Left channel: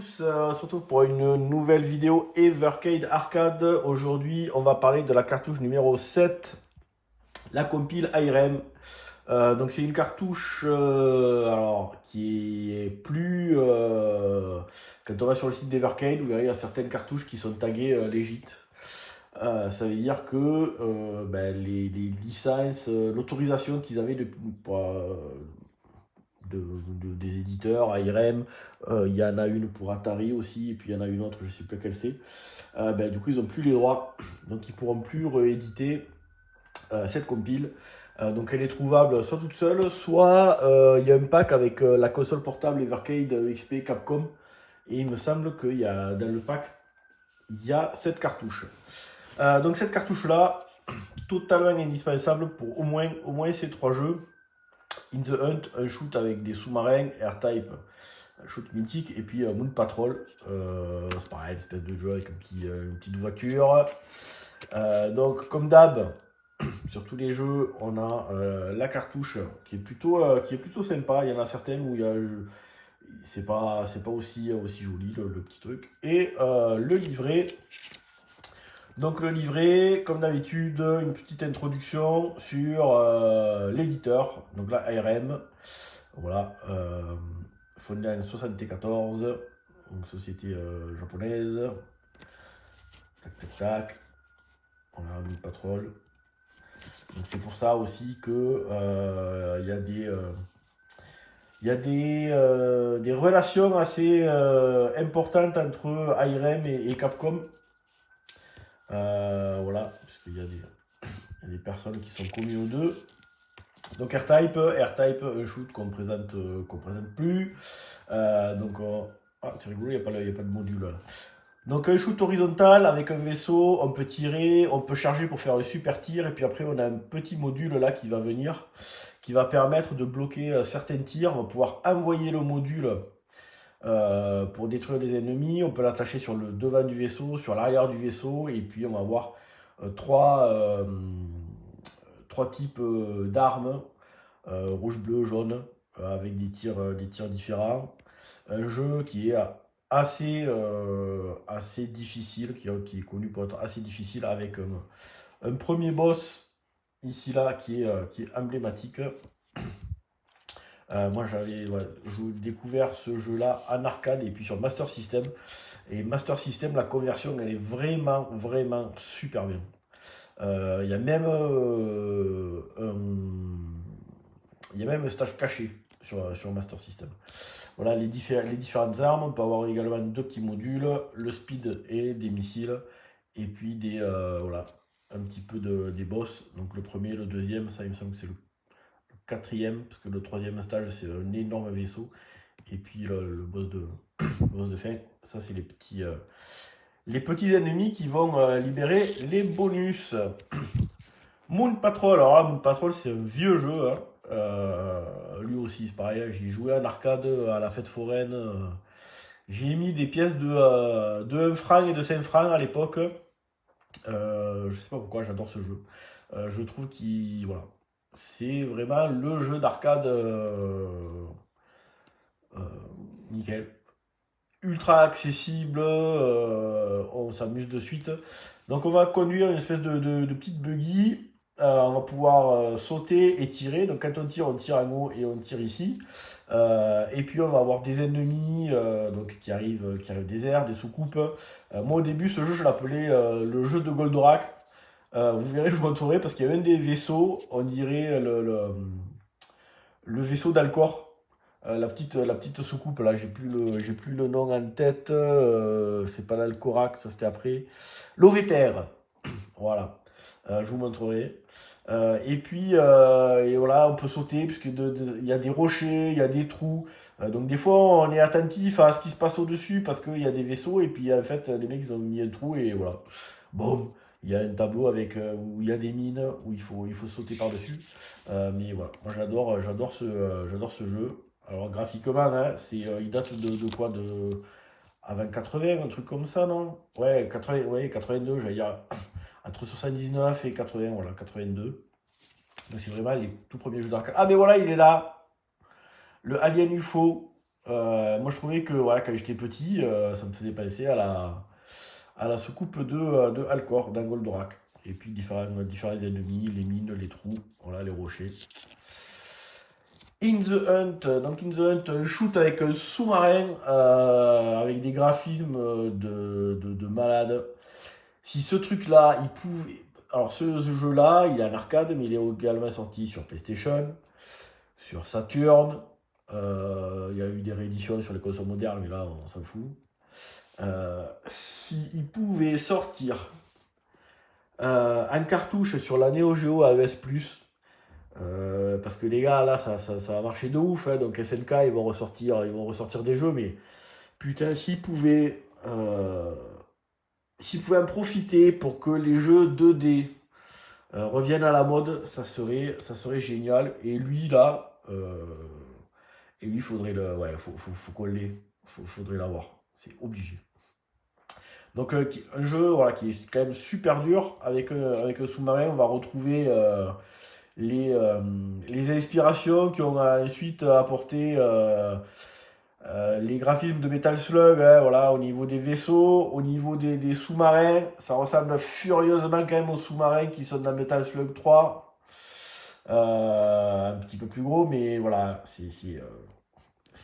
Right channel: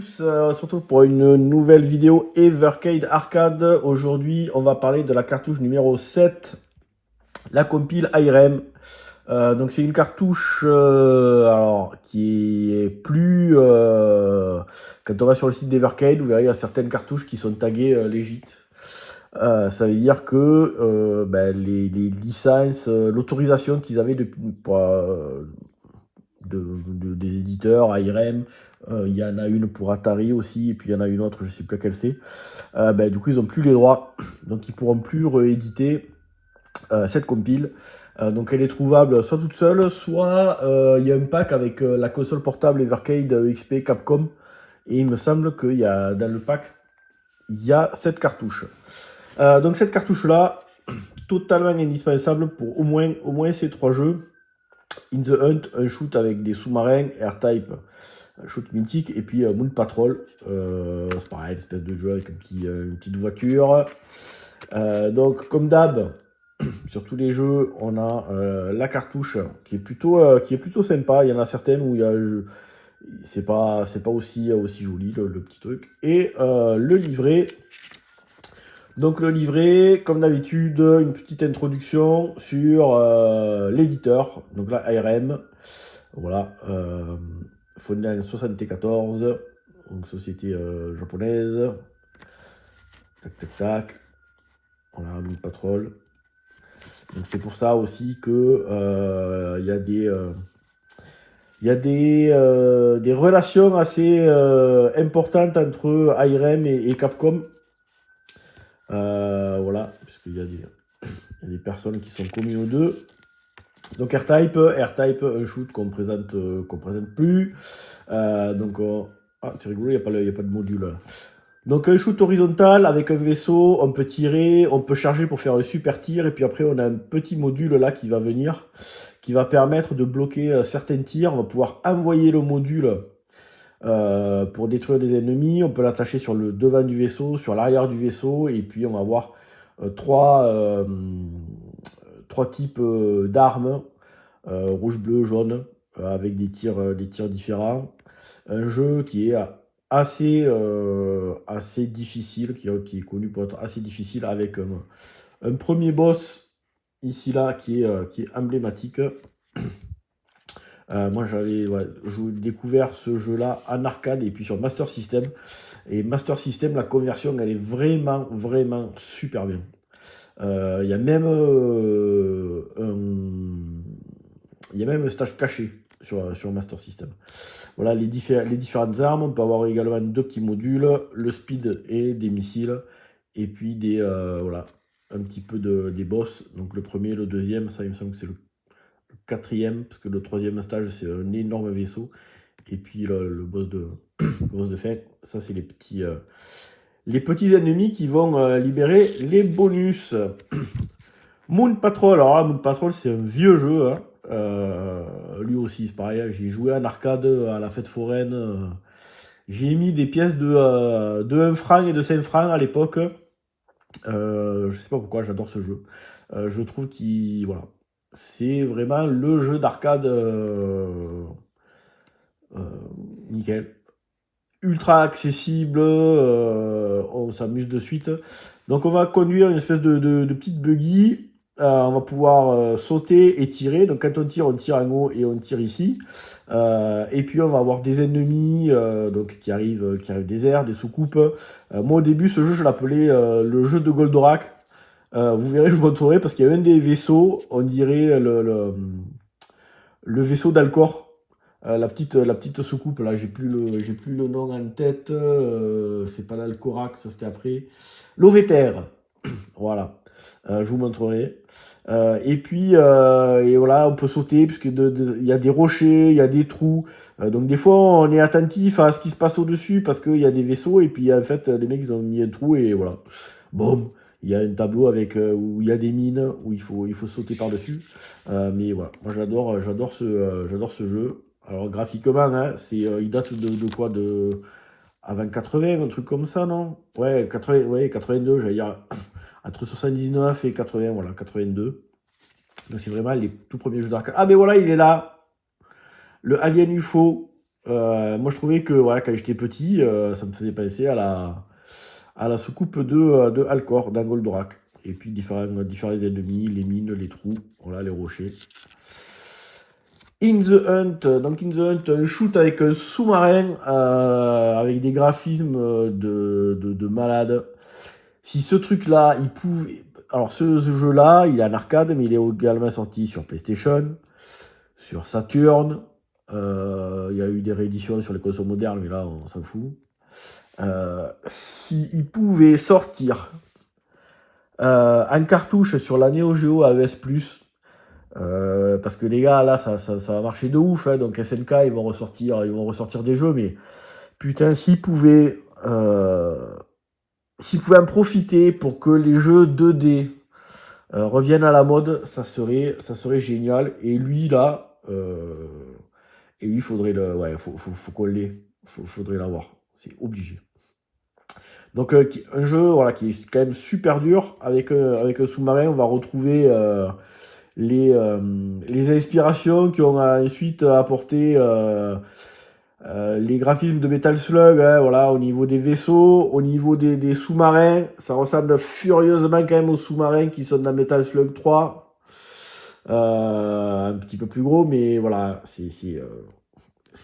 tous, on se retrouve pour une nouvelle vidéo Evercade Arcade. Aujourd'hui, on va parler de la cartouche numéro 7, la compile IRM. Donc c'est une cartouche alors, qui est plus... quand on va sur le site d'Evercade, vous verrez, il y a certaines cartouches qui sont taguées legit. Ça veut dire que les licences, l'autorisation qu'ils avaient des éditeurs, ARM, il y en a une pour Atari aussi, et puis il y en a une autre, je ne sais plus laquelle c'est. Du coup, ils n'ont plus les droits, donc ils ne pourront plus rééditer cette compile. Donc elle est trouvable soit toute seule, soit il y a un pack avec la console portable Evercade XP Capcom, et il me semble qu'il y a dans le pack, il y a cette cartouche. Donc cette cartouche-là, totalement indispensable pour au moins ces trois jeux. In the Hunt, un shoot avec des sous-marins, R-Type, un shoot mythique, et puis Moon Patrol, c'est pareil, une espèce de jeu avec une petite voiture. Donc comme d'hab, sur tous les jeux, on a la cartouche qui est plutôt sympa. Il y en a certaines où c'est pas aussi joli le petit truc. Et le livret. Donc le livret, comme d'habitude, une petite introduction sur l'éditeur, donc là ARM, voilà, fondé en 1974, donc société japonaise, tac tac tac, voilà, Moon Patrol. Donc c'est pour ça aussi que il y a des relations assez importantes entre ARM et Capcom. Voilà, puisqu'il y a des personnes qui sont communes aux deux. Donc R-Type, un shoot qu'on présente plus. Ah, c'est rigolo, il n'y a pas de module. Là. Donc un shoot horizontal avec un vaisseau, on peut tirer, on peut charger pour faire un super tir, et puis après on a un petit module là qui va venir, qui va permettre de bloquer certains tirs. On va pouvoir envoyer le module pour détruire des ennemis. On peut l'attacher sur le devant du vaisseau, sur l'arrière du vaisseau, et puis on va avoir trois types d'armes, rouge, bleu, jaune, avec des tirs différents. Un jeu qui est assez difficile, qui est connu pour être assez difficile, avec un premier boss ici là qui est emblématique. Moi j'avais découvert ce jeu là en arcade et puis sur Master System, et Master System, la conversion elle est vraiment super bien. Il y a même un stage caché sur Master System. Voilà les différentes armes. On peut avoir également deux petits modules, le speed et des missiles, et puis voilà, un petit peu des boss. Donc le premier, le deuxième, ça il me semble que c'est le quatrième, parce que le troisième stage c'est un énorme vaisseau, et puis le boss de fin, ça c'est les petits ennemis qui vont libérer les bonus. Moon Patrol, alors là Moon Patrol c'est un vieux jeu, hein. Lui aussi c'est pareil, j'ai joué en arcade à la fête foraine, j'ai mis des pièces de 1 franc et de 5 francs à l'époque. Je sais pas pourquoi, j'adore ce jeu. Je trouve qu'il voilà, c'est vraiment le jeu d'arcade nickel. Ultra accessible, on s'amuse de suite. Donc on va conduire une espèce de petite buggy. On va pouvoir sauter et tirer. Donc quand on tire en haut et on tire ici. Et puis on va avoir des ennemis donc qui arrivent des airs, des soucoupes. Moi au début ce jeu je l'appelais le jeu de Goldorak. Vous verrez, je vous montrerai, parce qu'il y a un des vaisseaux, on dirait le vaisseau d'Alcor. La petite soucoupe, là, j'ai plus le nom en tête. C'est pas l'Alcorac, ça c'était après. L'Ovéter, voilà. Je vous montrerai. Et puis, et voilà, on peut sauter, puisqu'il y a des rochers, il y a des trous. Donc des fois, on est attentif à ce qui se passe au-dessus, parce qu'il y a des vaisseaux, et puis en fait, les mecs, ils ont mis un trou, et voilà. Bon, il y a un tableau avec où il y a des mines, où il faut sauter par-dessus. Mais voilà, moi j'adore ce jeu. Alors graphiquement, hein, il date de quoi, avant 80, un truc comme ça, non? Ouais, 80, ouais, 82, j'allais dire entre 79 et 80, voilà, 82. Donc c'est vraiment les tout premiers jeux d'arcade. Ah mais voilà, il est là, le Alien UFO. Moi, je trouvais que voilà, quand j'étais petit, ça me faisait penser à la soucoupe de Alcor, d'un Goldorak. Et puis différents ennemis, les mines, les trous, voilà, les rochers. In the Hunt, donc In the Hunt, un shoot avec un sous-marin, avec des graphismes de malade. Si ce truc-là, il pouvait... Alors ce jeu-là, il est en arcade, mais il est également sorti sur PlayStation, sur Saturn. Il y a eu des rééditions sur les consoles modernes, mais là, on s'en fout. S'il pouvait sortir en cartouche sur la Neo Geo AES+, parce que les gars, là, ça va marcher de ouf, hein, donc SNK, ils vont ressortir des jeux, mais putain, s'ils pouvaient en profiter pour que les jeux 2D reviennent à la mode, ça serait génial. Et lui, là, il faudrait ouais, faut qu'on l'ait, faudrait l'avoir, c'est obligé. Donc un jeu voilà, qui est quand même super dur, avec un sous-marin, on va retrouver les inspirations qui ont ensuite apporté les graphismes de Metal Slug, hein, voilà, au niveau des vaisseaux, au niveau des sous-marins, ça ressemble furieusement quand même aux sous-marins qui sont dans Metal Slug 3. Un petit peu plus gros, mais voilà, c'est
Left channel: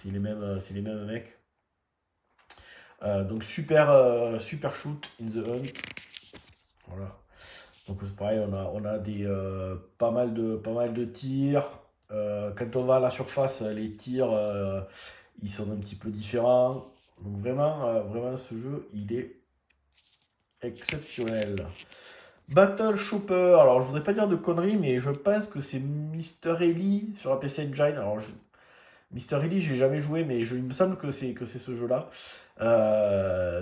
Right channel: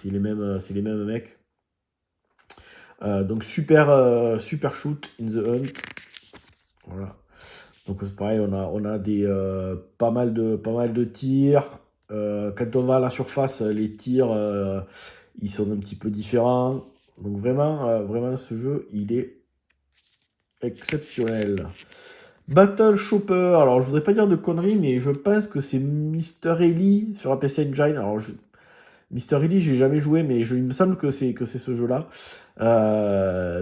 les mêmes mecs. Donc super shoot in the hunt. Voilà. Donc c'est pareil, on a pas mal de tirs. Quand on va à la surface, les tirs ils sont un petit peu différents. Donc vraiment ce jeu il est exceptionnel. Battle Chopper, alors je voudrais pas dire de conneries, mais je pense que c'est Mr. Ellie sur la PC Engine. Alors Mr. Ellie, j'ai jamais joué, mais il me semble que c'est ce jeu-là.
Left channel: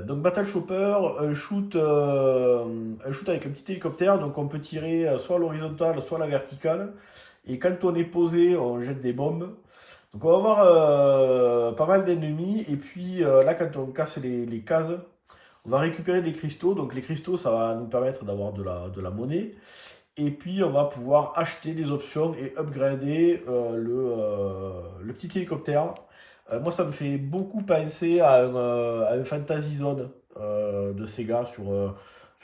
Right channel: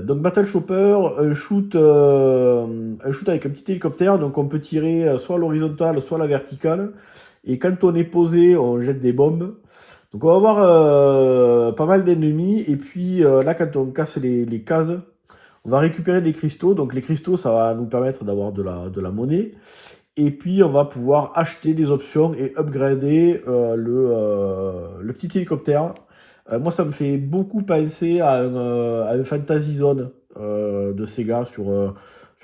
Donc Battle Chopper, un shoot avec un petit hélicoptère, donc on peut tirer soit à l'horizontale, soit à la verticale. Et quand on est posé, on jette des bombes. Donc on va avoir pas mal d'ennemis. Et puis là, quand on casse les cases, on va récupérer des cristaux. Donc les cristaux, ça va nous permettre d'avoir de la monnaie. Et puis, on va pouvoir acheter des options et upgrader le petit hélicoptère. Moi, ça me fait beaucoup penser à un Fantasy Zone de Sega sur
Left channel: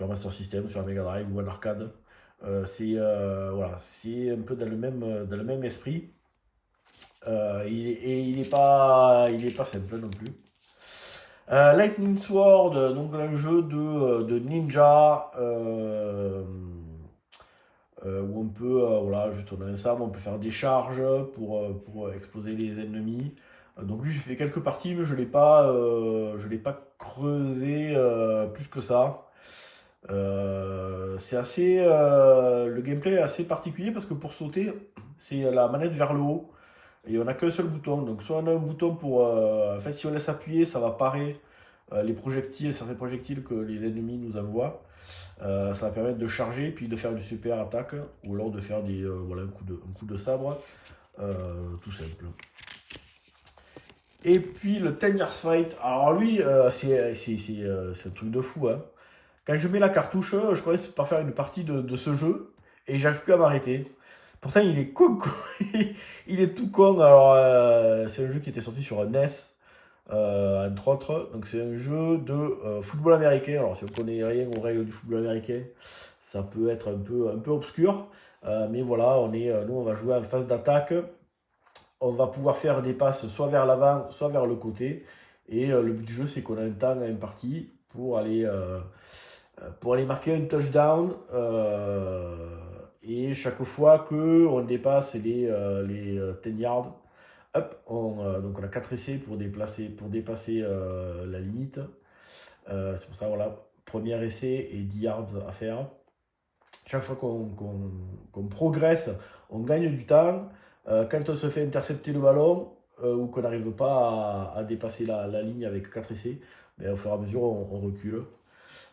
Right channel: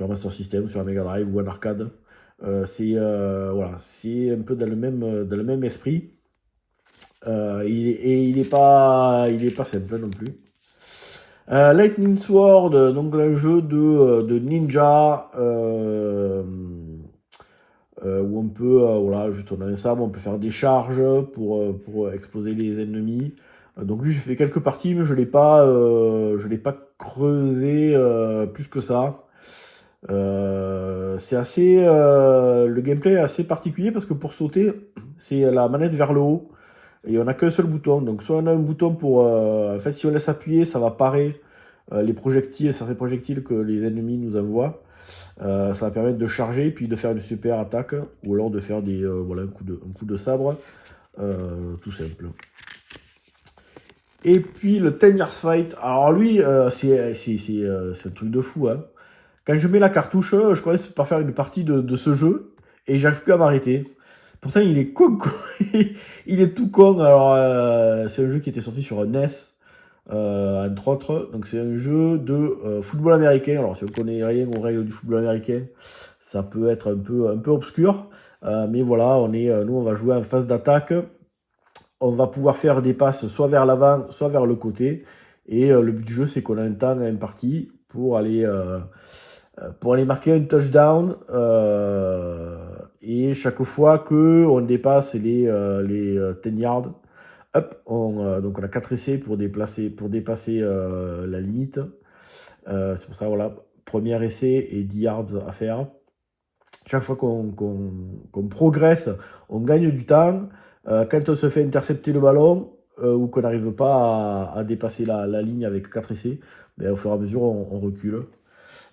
Master System, sur la Mega Drive ou un arcade. Voilà, c'est un peu dans le même esprit. Il n'est pas simple non plus. Lightning Sword, donc un jeu de ninja. Où on peut, voilà, juste on a un sabre, on peut faire des charges pour exploser les ennemis. Donc lui, j'ai fait quelques parties, mais je l'ai pas creusé plus que ça. C'est assez, le gameplay est assez particulier parce que pour sauter, c'est la manette vers le haut et on n'a qu'un seul bouton. Donc soit on a un bouton pour, en fait, si on laisse appuyer, ça va parer les projectiles, certains projectiles que les ennemis nous envoient. Ça va permettre de charger, puis de faire une super attaque, ou alors de faire voilà, un coup de sabre, tout simple. Et puis le 10 Years Fight, alors lui, c'est un truc de fou. Hein. Quand je mets la cartouche, je commence par faire une partie de ce jeu, et j'arrive plus à m'arrêter. Pourtant, il est con, il est tout con. Alors, c'est un jeu qui était sorti sur NES, entre autres. Donc, c'est un jeu de football américain. Alors, si on ne connaît rien aux règles du football américain, ça peut être un peu obscur. Mais voilà, nous, on va jouer en phase d'attaque. On va pouvoir faire des passes soit vers l'avant, soit vers le côté. Et le but du jeu, c'est qu'on a un temps imparti pour aller marquer un touchdown. Et chaque fois qu'on dépasse les 10 yards, hop, donc on a 4 essais pour dépasser la limite. C'est pour ça, voilà, premier essai et 10 yards à faire. Chaque fois qu'on progresse, on gagne du temps. Quand on se fait intercepter le ballon ou qu'on n'arrive pas à dépasser la ligne avec 4 essais, ben, au fur et à mesure, on recule.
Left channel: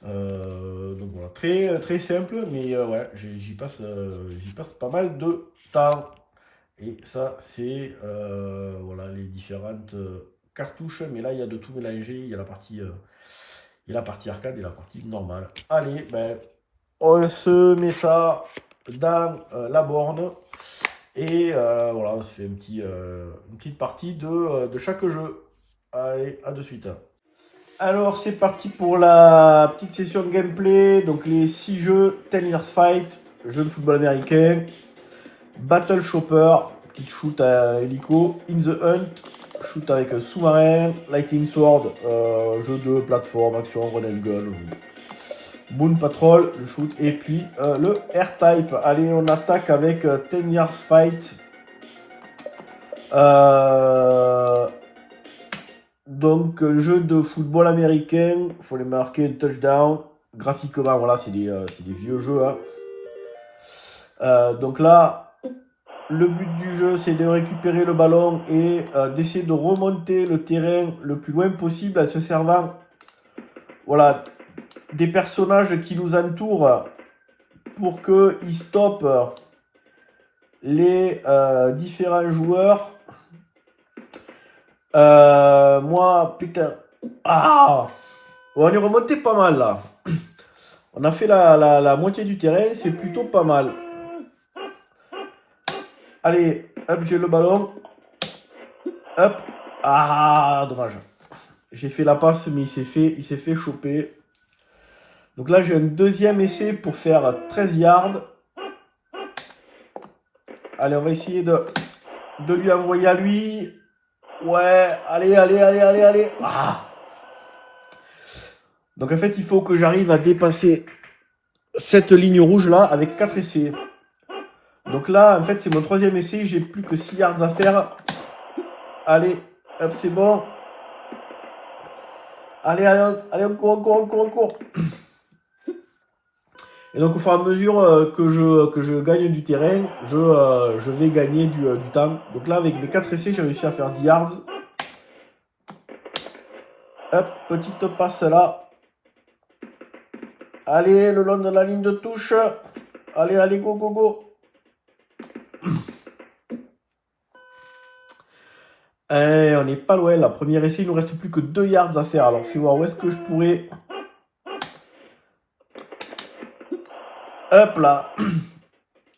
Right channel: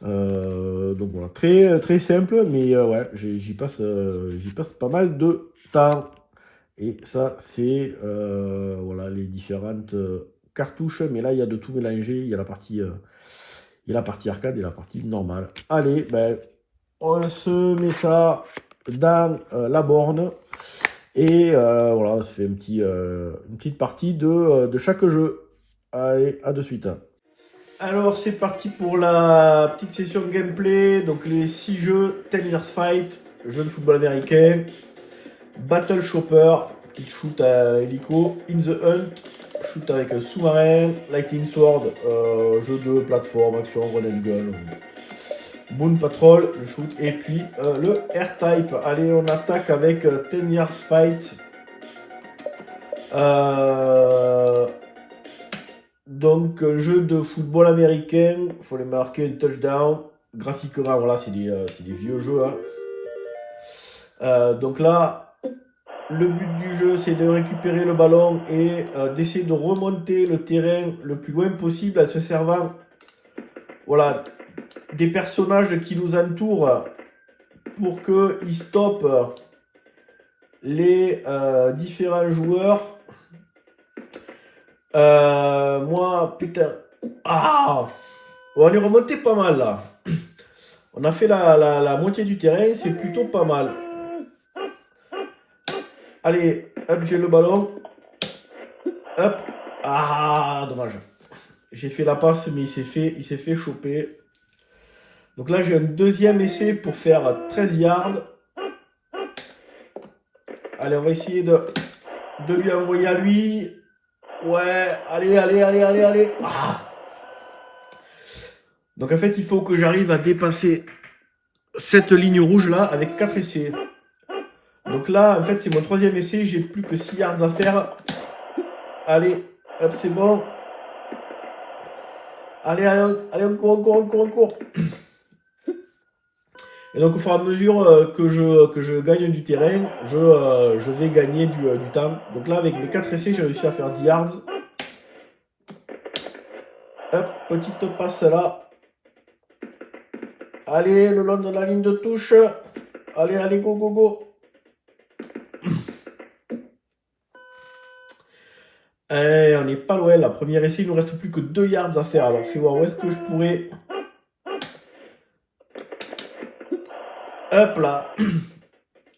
Donc voilà, très simple, mais ouais, j'y passe pas mal de temps. Et ça, c'est voilà, les différentes cartouches. Mais là, il y a de tout mélangé. Il y a la partie arcade et la partie normale. Allez, ben, on se met ça dans la borne. Et voilà, on se fait une petite partie de chaque jeu. Allez, à de suite. Alors, c'est parti pour la petite session de gameplay. Donc, les 6 jeux, 10 Years Fight, jeu de football américain, Battle Chopper, petite shoot à hélico, In the Hunt, shoot avec un sous-marin, Lightning Sword, jeu de plateforme, action, run and gun, Moon Patrol, le shoot, et puis le R-Type. Allez, on attaque avec 10 Years Fight. Donc, un jeu de football américain, il faut les marquer un touchdown. Graphiquement, voilà, c'est des vieux jeux. Hein. Donc là, le but du jeu, c'est de récupérer le ballon et d'essayer de remonter le terrain le plus loin possible en se servant, voilà, des personnages qui nous entourent pour qu'ils stoppent les différents joueurs. Moi, putain. Ah, on est remonté pas mal là. On a fait la moitié du terrain, c'est plutôt pas mal. Allez, hop, j'ai le ballon. Hop. Ah, dommage. J'ai fait la passe, mais il s'est fait choper. Donc là, j'ai un deuxième essai pour faire 13 yards. Allez, on va essayer de lui envoyer à lui. Ouais, allez. Ah. Donc en fait, il faut que j'arrive à dépasser cette ligne rouge là avec 4 essais. Donc là, en fait, c'est mon troisième essai. J'ai plus que 6 yards à faire. Allez, hop, c'est bon. Allez, on court. Et donc, au fur et à mesure que je gagne du terrain, je vais gagner du temps. Donc là, avec mes 4 essais, j'ai réussi à faire 10 yards. Hop, petite passe là. Allez, le long de la ligne de touche. Allez, go. On n'est pas loin là. Premier essai, il nous reste plus que 2 yards à faire. Alors, fais voir où est-ce que je pourrais. Hop là.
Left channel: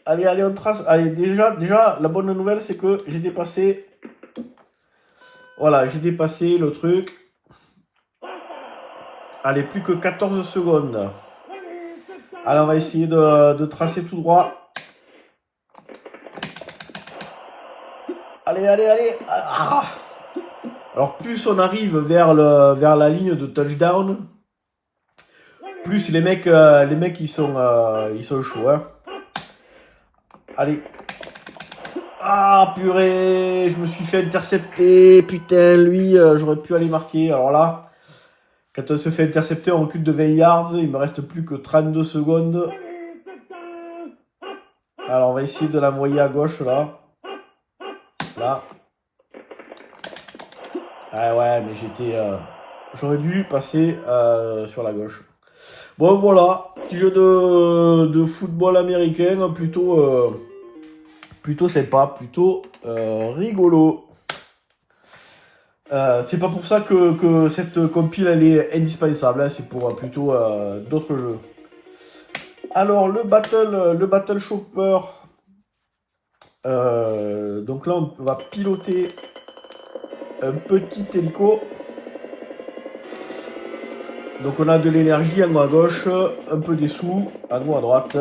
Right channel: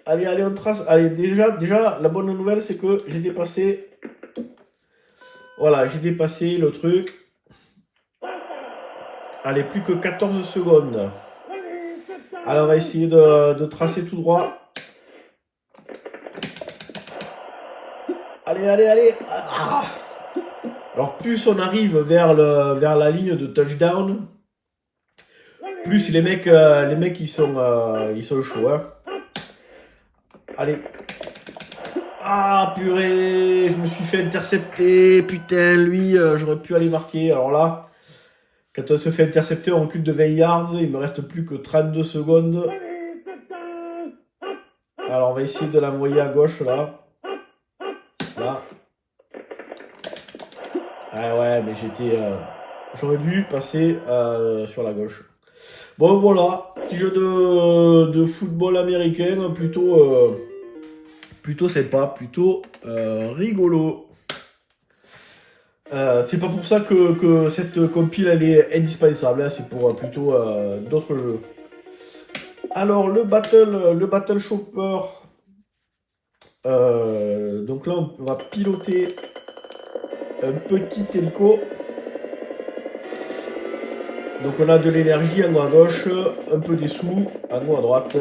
Allez, on trace. Allez, déjà, la bonne nouvelle, c'est que j'ai dépassé. Voilà, j'ai dépassé le truc. Allez, plus que 14 secondes. Allez, on va essayer de tracer tout droit. Allez. Ah. Alors, plus on arrive vers la ligne de touchdown, plus les mecs ils sont chauds. Hein. Allez. Ah, purée, je me suis fait intercepter. Putain, lui, j'aurais pu aller marquer. Alors là, quand on se fait intercepter, on recule de 20 yards. Il me reste plus que 32 secondes. Alors, on va essayer de l'envoyer à gauche, là. Là. Ah ouais, mais j'aurais dû passer sur la gauche. Bon, voilà. Petit jeu de football américain, plutôt sympa, plutôt rigolo. C'est pas pour ça que cette compile elle est indispensable, hein, c'est pour plutôt d'autres jeux. Alors le battle chopper, donc là on va piloter un petit hélico. Donc on a de l'énergie en haut à gauche, un peu des sous en haut à droite.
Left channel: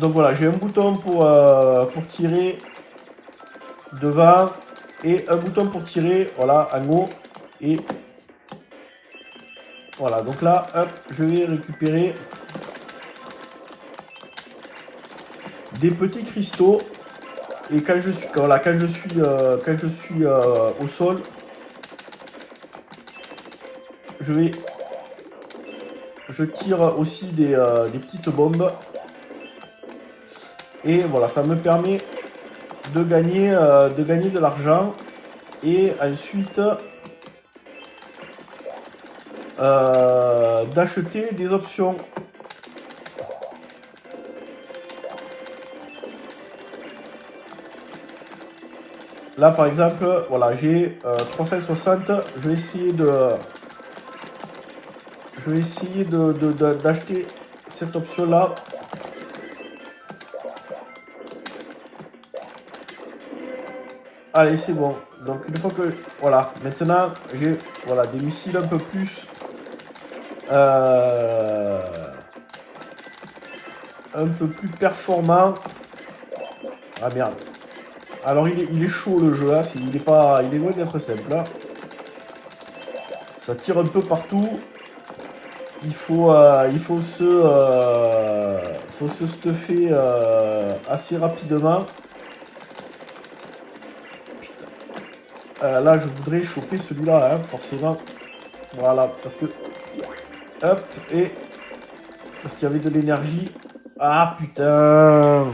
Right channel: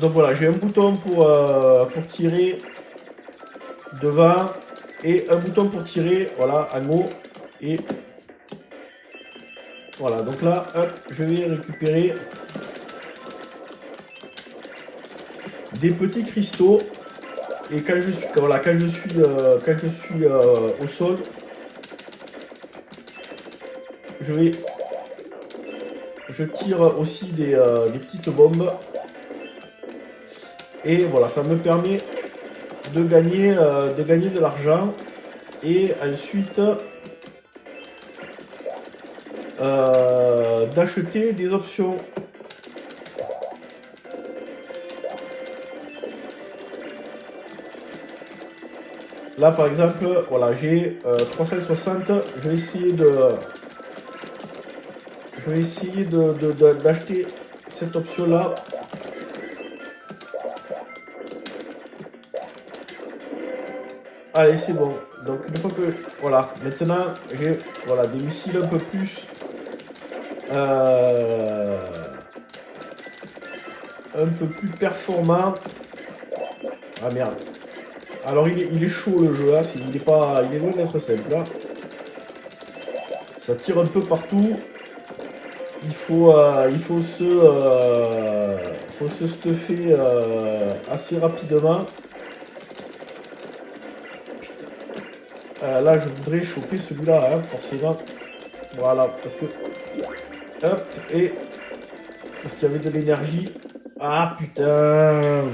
Donc voilà, j'ai un bouton pour tirer devant et un bouton pour tirer, voilà, en haut. Et voilà, donc là, hop, je vais récupérer des petits cristaux. Et quand je suis au sol, je tire aussi des petites bombes. Et voilà, ça me permet de gagner de l'argent et ensuite d'acheter des options. Là par exemple, voilà, j'ai 360, je vais essayer d'acheter cette option là. allez, c'est bon. Donc une fois que... Voilà, maintenant j'ai voilà, des missiles un peu plus... un peu plus performants. Ah merde. Alors il est chaud le jeu, hein. Il est loin d'être simple. Hein. Ça tire un peu partout. Il faut se stuffer assez rapidement. Là, je voudrais choper celui-là, hein, forcément. Voilà, parce que... Hop, et... Parce qu'il y avait de l'énergie. Ah, putain!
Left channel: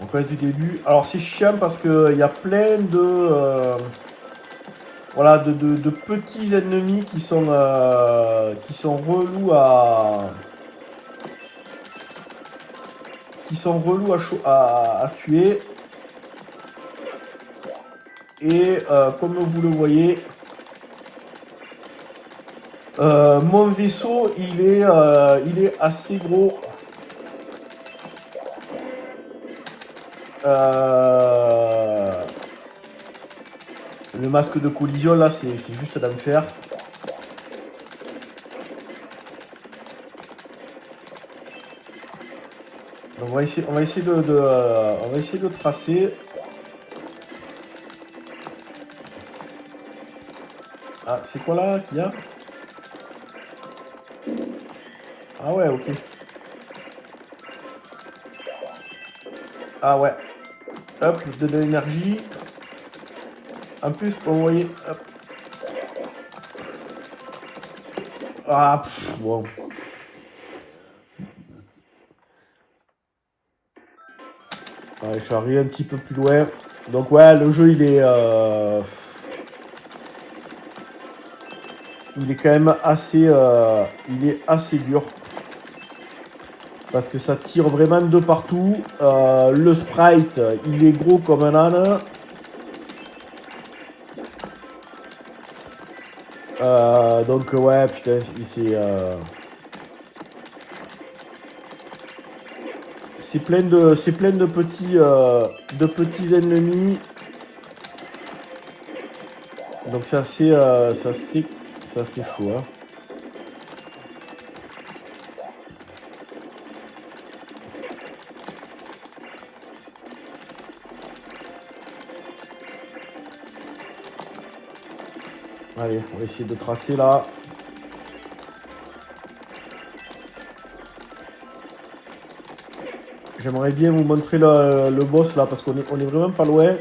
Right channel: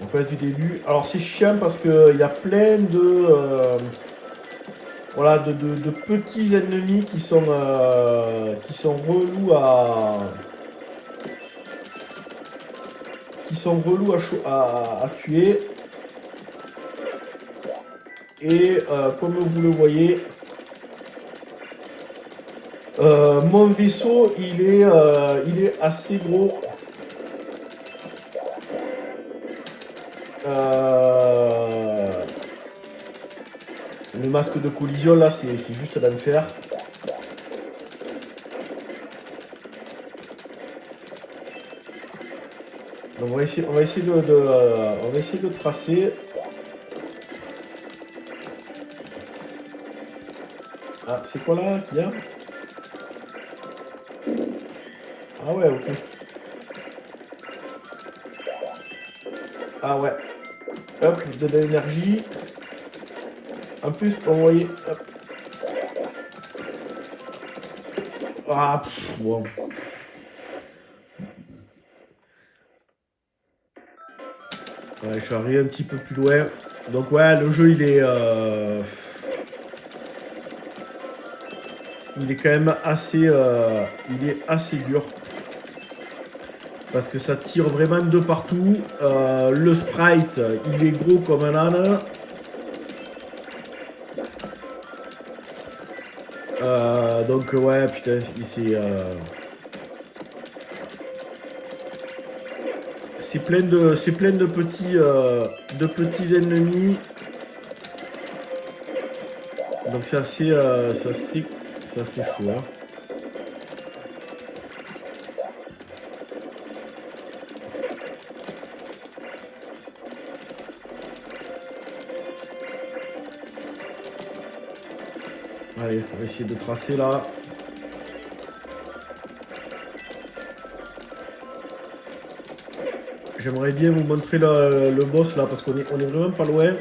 On passe du début. Alors, c'est chiant parce qu'il y a plein de... voilà, de petits ennemis qui sont relous à... à tuer. Et comme vous le voyez, mon vaisseau il est assez gros. Le masque de collision là c'est juste l'enfer. On va essayer de tracer. Ah, c'est quoi là qu'il y a? Ah ouais, ok. Ah ouais. Hop, de l'énergie. En plus, vous voyez. Hop. Ah, bon. Allez, je suis arrivé un petit peu plus loin. Donc ouais, le jeu il est quand même assez dur parce que ça tire vraiment de partout. Le sprite il est gros comme un âne. Donc ouais, putain, c'est plein de petits ennemis. Donc c'est assez chaud. Hein. Allez, on va essayer de tracer là. J'aimerais bien vous montrer le boss là parce qu'on est vraiment pas loin.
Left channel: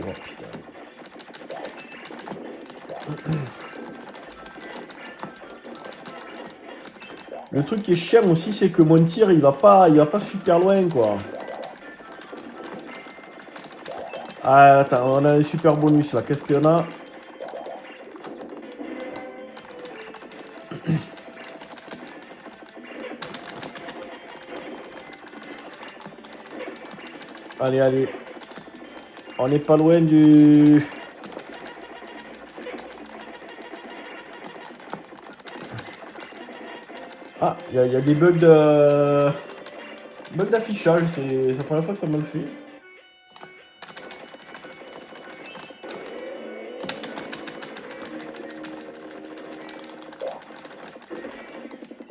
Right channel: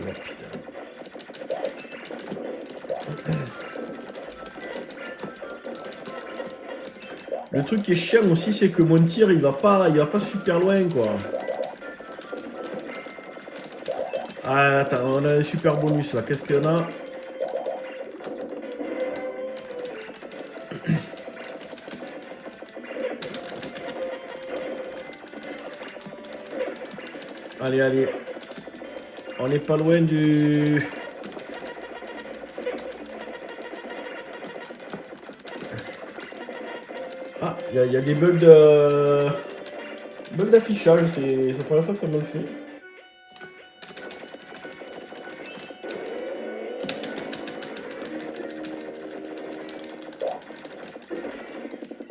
Oh, putain. Le truc qui est chiant aussi, c'est que mon tir il va pas super loin quoi. Ah attends, on a un super bonus là. Qu'est-ce qu'il y en a? Allez, allez. On n'est pas loin du... Ah, il y a des bugs d'affichage. C'est la première fois que ça me le fait.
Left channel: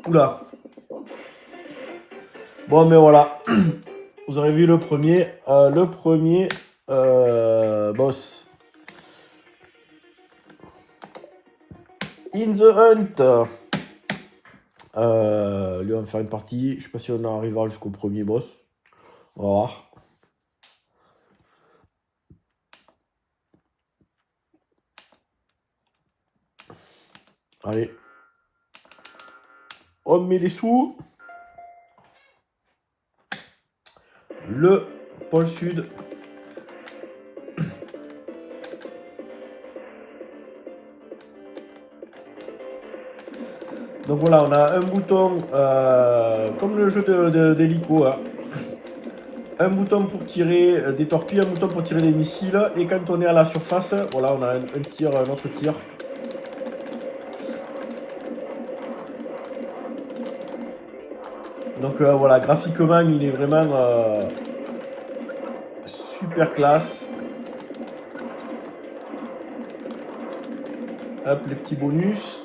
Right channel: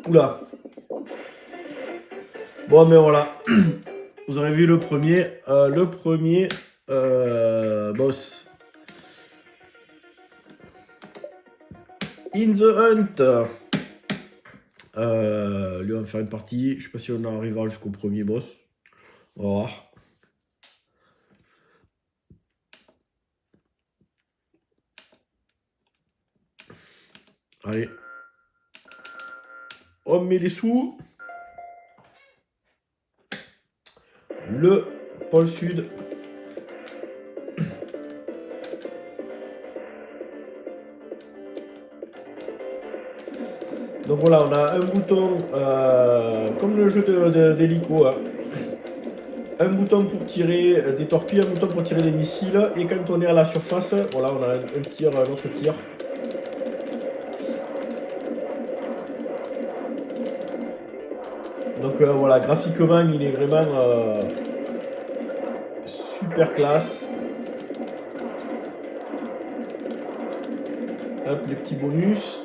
Oula. Bon, mais voilà. Vous avez vu le premier boss. In the Hunt. Lui, on va faire une partie. Je sais pas si on arrivera jusqu'au premier boss. On va voir. Allez. On met les sous. Le pôle sud. Donc voilà, on a un bouton, comme le jeu d'hélico, hein. Un bouton pour tirer des torpilles, un bouton pour tirer des missiles, et quand on est à la surface, voilà, on a un autre tir. Donc voilà, graphiquement, il est vraiment super classe. Hop, les petits bonus.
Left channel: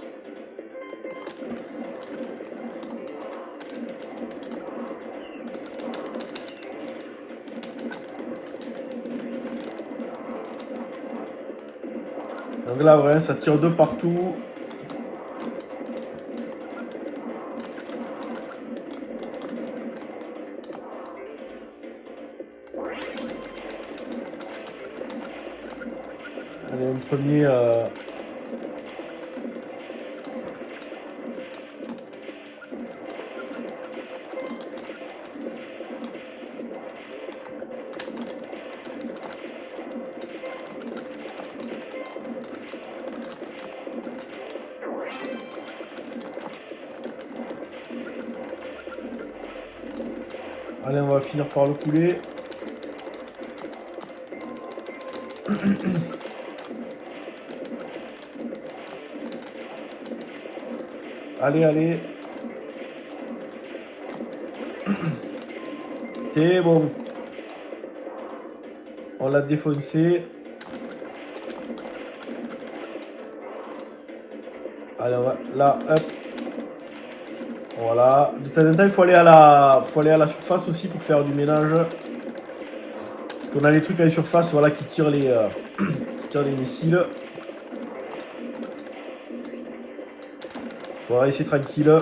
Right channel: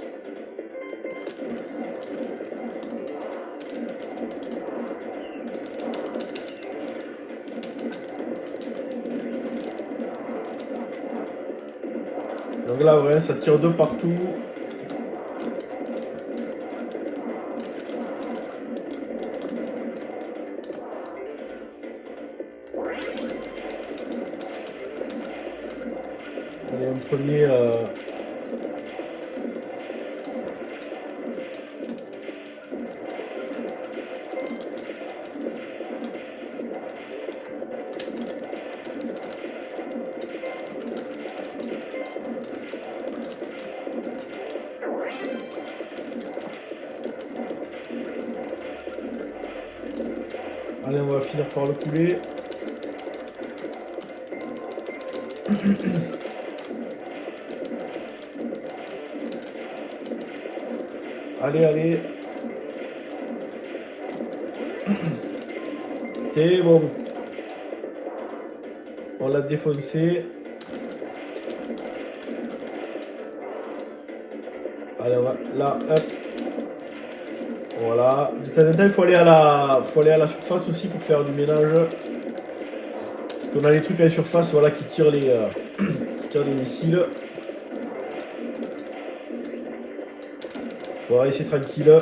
Donc là, ouais, ça tire de partout. Allez, le premier... Allez, on va finir par le couler. Allez, allez. C'est bon. On l'a défoncé. Allez, on va là, hop. Voilà. De temps en temps, il faut aller à la surface aussi pour faire du ménage. Parce qu'on a les trucs à la surface, voilà, qui tirent les missiles. Faut rester tranquille.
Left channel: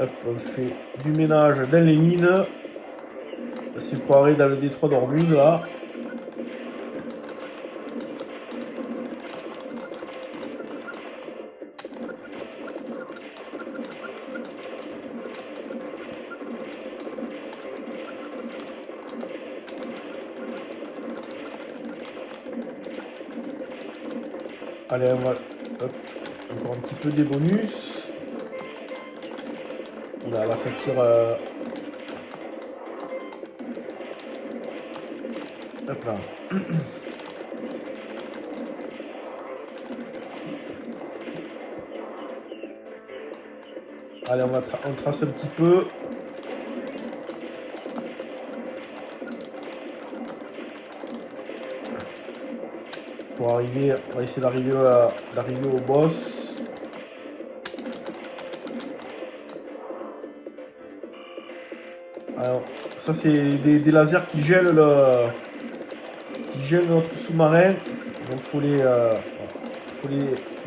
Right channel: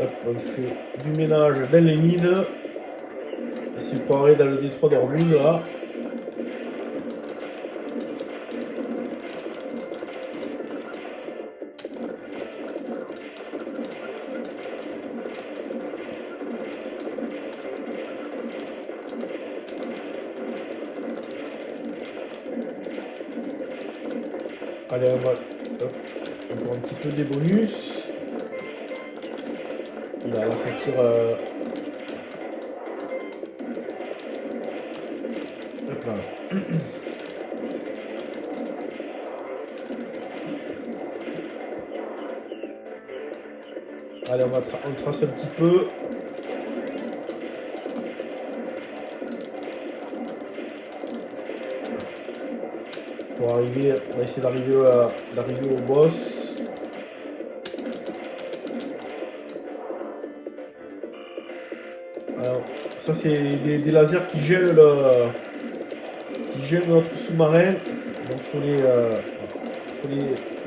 Hop, on fait du ménage dans les mines. C'est croirait dans le détroit d'Ormuz là. Allez, on va hop, encore un petit peu des bonus. Là, ça tire. Hop là. Allez, on trace un petit peu. Pour arriver, on va essayer d'arriver au boss. Alors, ça c'est des lasers qui gèlent notre sous-marin. Donc il faut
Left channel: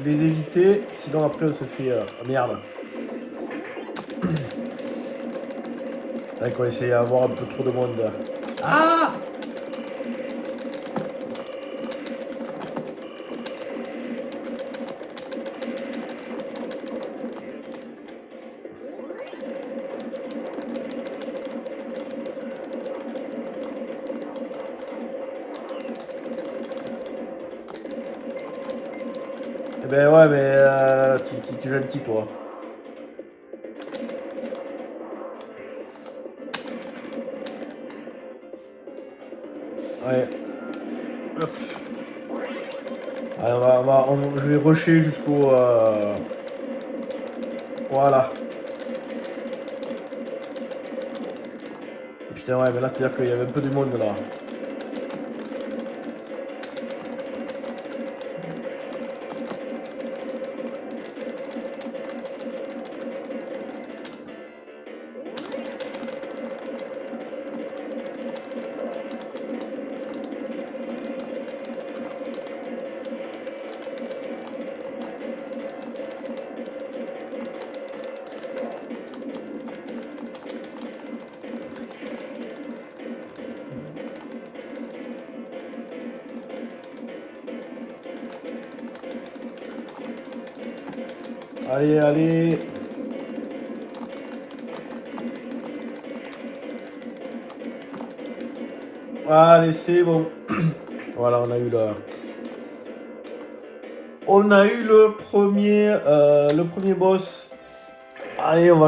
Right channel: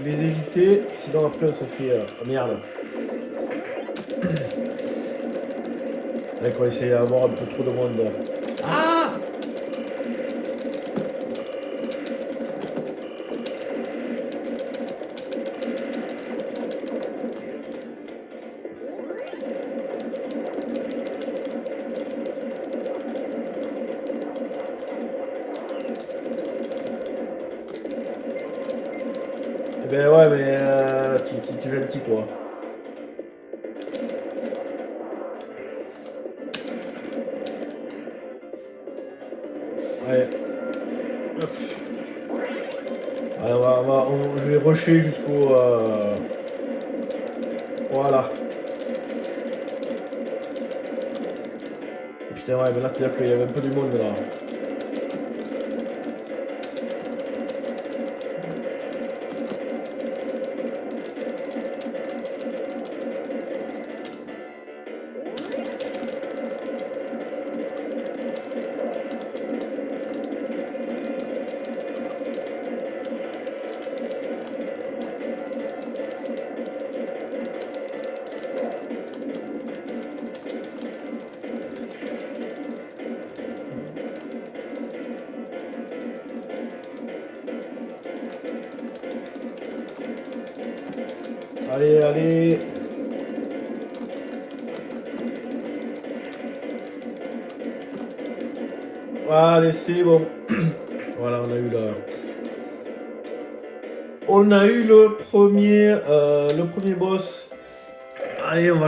les éviter, sinon après on se fait merde. Allez, on va essayer d'avoir un peu trop de monde. Ah! Ben ouais, mais tu es gentil toi. Ouais. Hop. Allez, je vais rusher jusqu'au... Voilà. Putain, ouais, mais là, c'est-à-dire qu'il y avait un peu du monde là. Allez, allez. Allez, c'est bon. Voilà, on a eu le premier boss. Allez, on va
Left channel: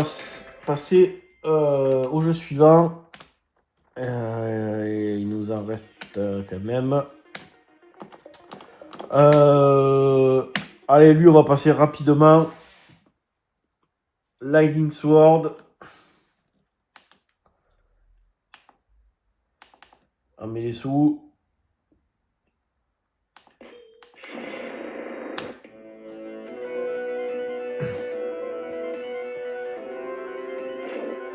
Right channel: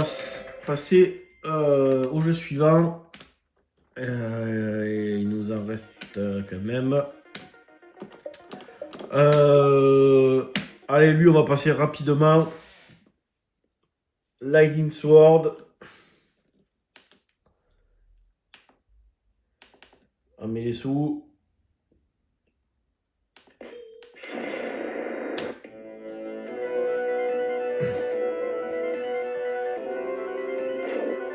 passer au jeu suivant. Et il nous en reste quand même. Allez, lui, on va passer rapidement. Lightning Sword. On met les sous.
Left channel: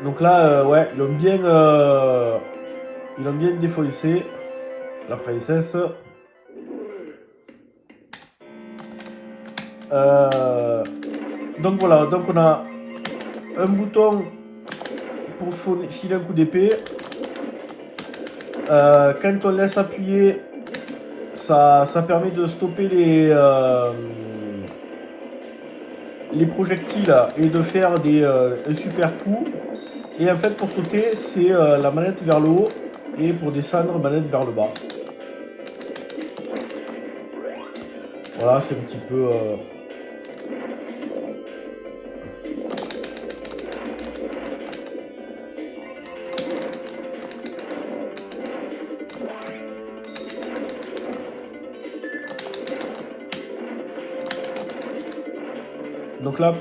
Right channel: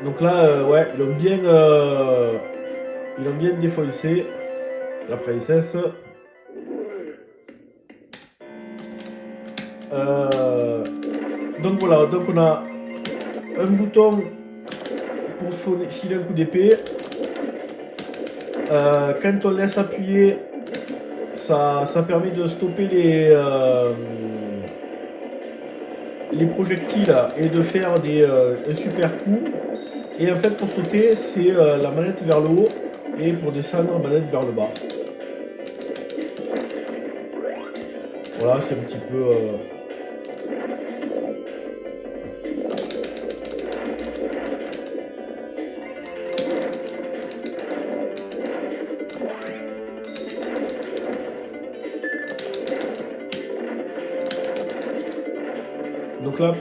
Donc là, ouais, ils ont bien défoncé la princesse. Donc voilà, donc on a un bouton pour filer un coup d'épée. Quand on laisse appuyer, ça permet de stopper les projectiles et de faire un super coup. Et en fait, pour sauter, c'est la manette vers le haut et pour descendre, manette vers le bas. Voilà, c'est un petit peu... Donc là...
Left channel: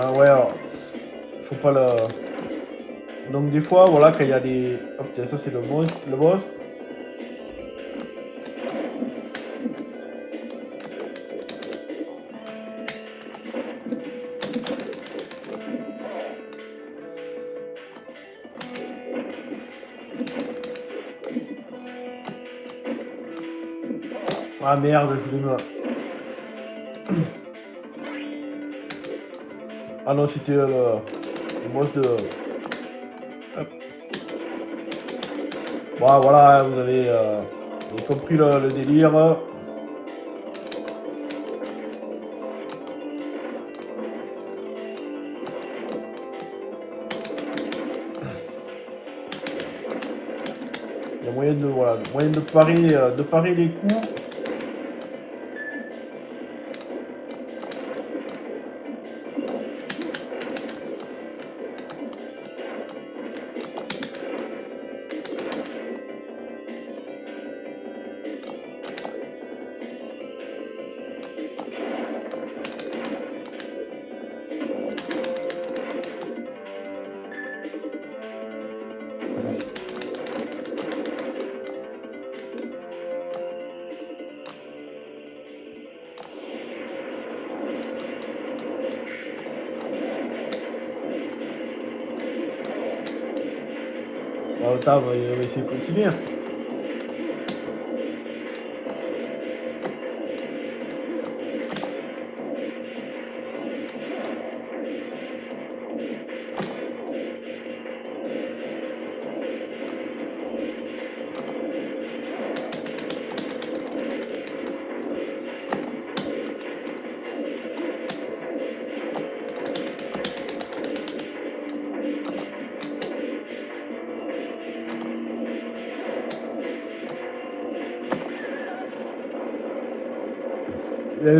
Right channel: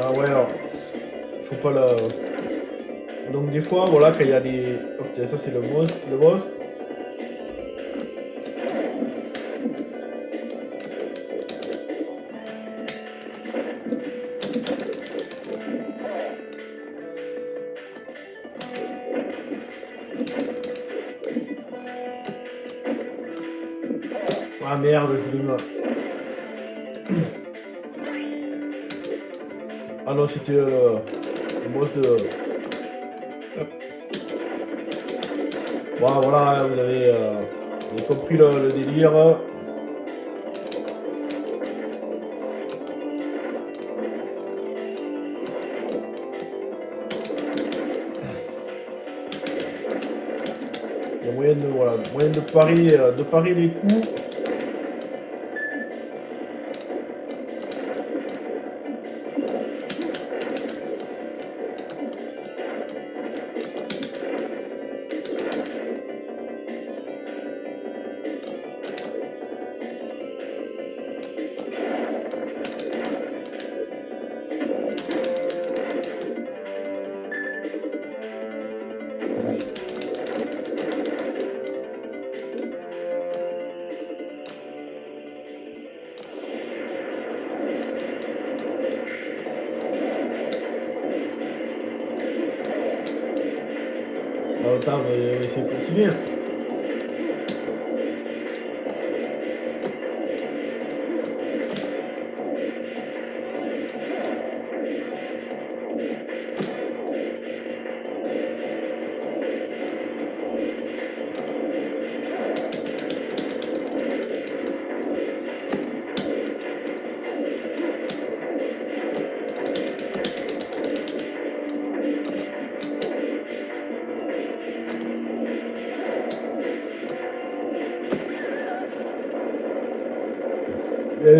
Ah ouais, alors, faut pas le... Donc des fois, voilà, quand il y a des... Oh putain, ça c'est le boss. Ah merde, je voulais me... Ah non, c'était le boss de... Voilà, vous avez compris le délire. Il y a moyen de parer les coups. Attends, on va essayer de continuer.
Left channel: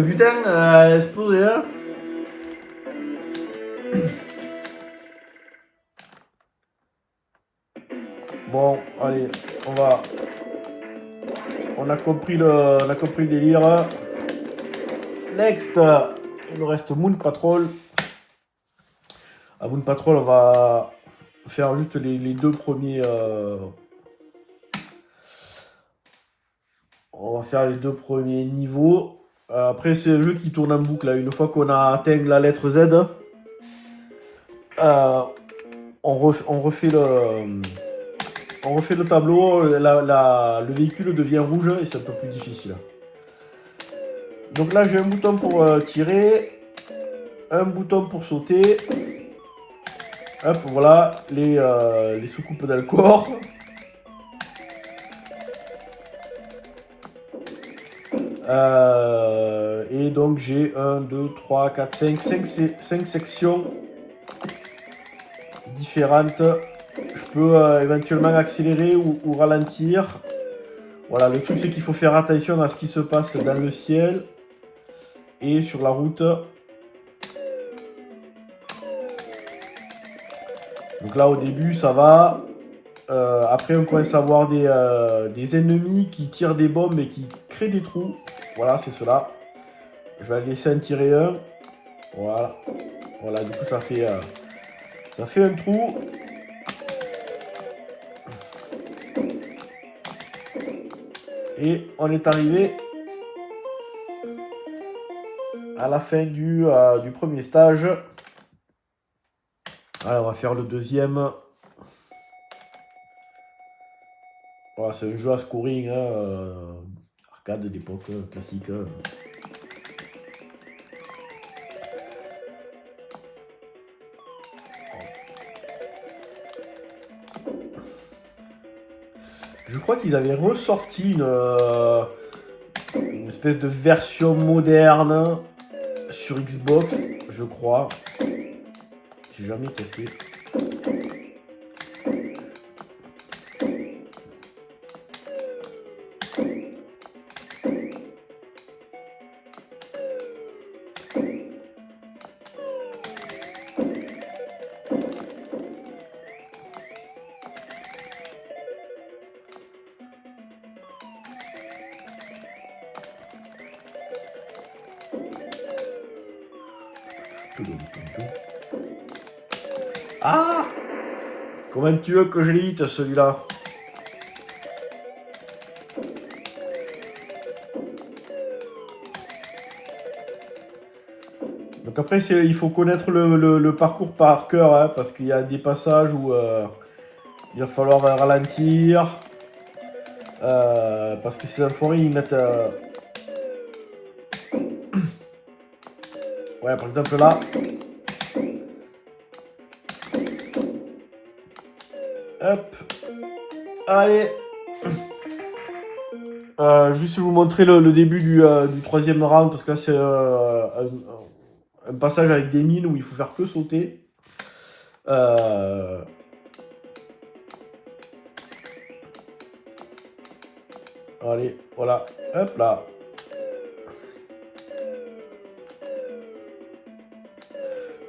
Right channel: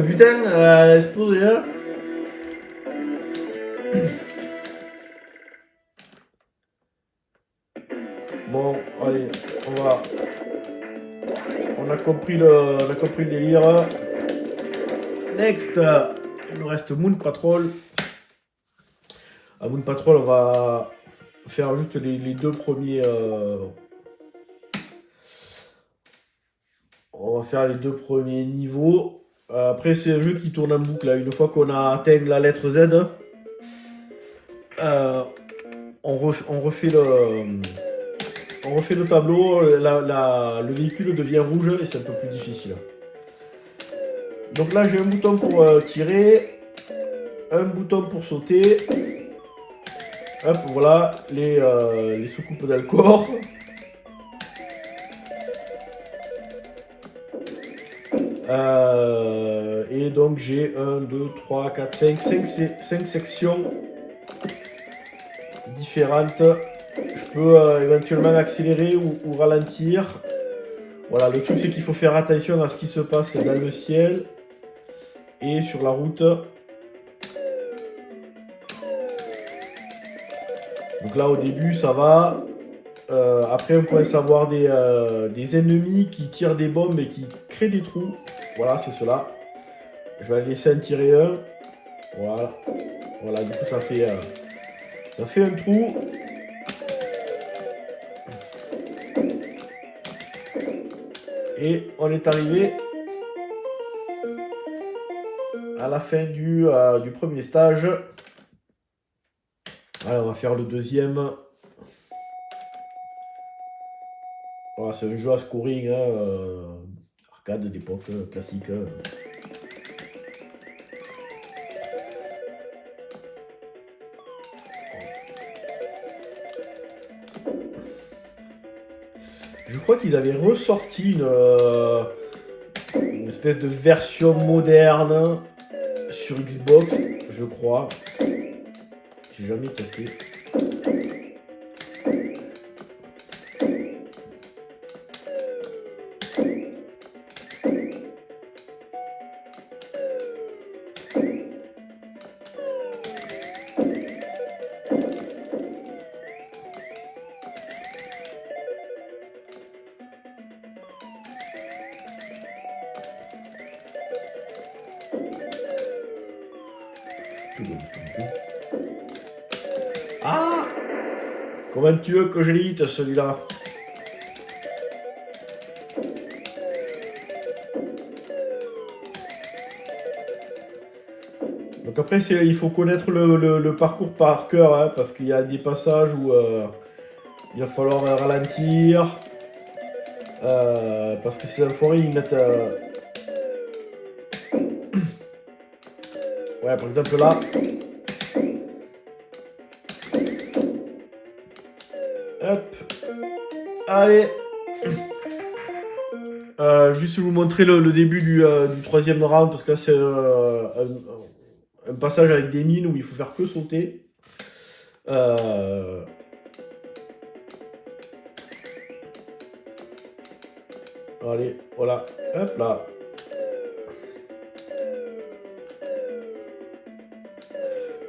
Putain, explosé là. Bon, allez, on a compris le délire. Next, il nous reste Moon Patrol. À Moon Patrol, on va faire juste les deux premiers. On va faire les deux premiers niveaux. Après, c'est un jeu qui tourne en boucle. Là. Une fois qu'on a atteint la lettre Z, on refait le tableau. Le véhicule devient rouge et c'est un peu plus difficile. Donc là, j'ai un bouton pour tirer, un bouton pour sauter. Hop, voilà, les soucoupes dans le corps. Et donc j'ai 1, 2, 3, 4, 5 sections différentes. Je peux éventuellement accélérer ou ralentir. Voilà, le truc c'est qu'il faut faire attention à ce qui se passe dans le ciel et sur la route. Donc là, au début, ça va. Après, on commence à avoir des ennemis qui tirent des bombes et qui créent des trous. Voilà, c'est cela. Je vais laisser en tirer un. Voilà. Voilà, du coup, ça fait un trou. Et on est arrivé à la fin du premier stage. Alors, on va faire le deuxième. Voilà, c'est un jeu à scoring, hein, arcade d'époque, classique. Je crois qu'ils avaient ressorti une espèce de version moderne sur Xbox, je crois. J'ai jamais testé. Ah! Comment tu veux que je l'évite celui-là? Donc après, il faut connaître le parcours par cœur, hein, parce qu'il y a des passages où il va falloir ralentir. Parce que ces enfoirés, ils mettent... Ouais, par exemple là... Hop. Allez. Juste vous montrer le début du troisième round, parce que là c'est un passage avec des mines où il faut faire que sauter. Allez, voilà. Hop là.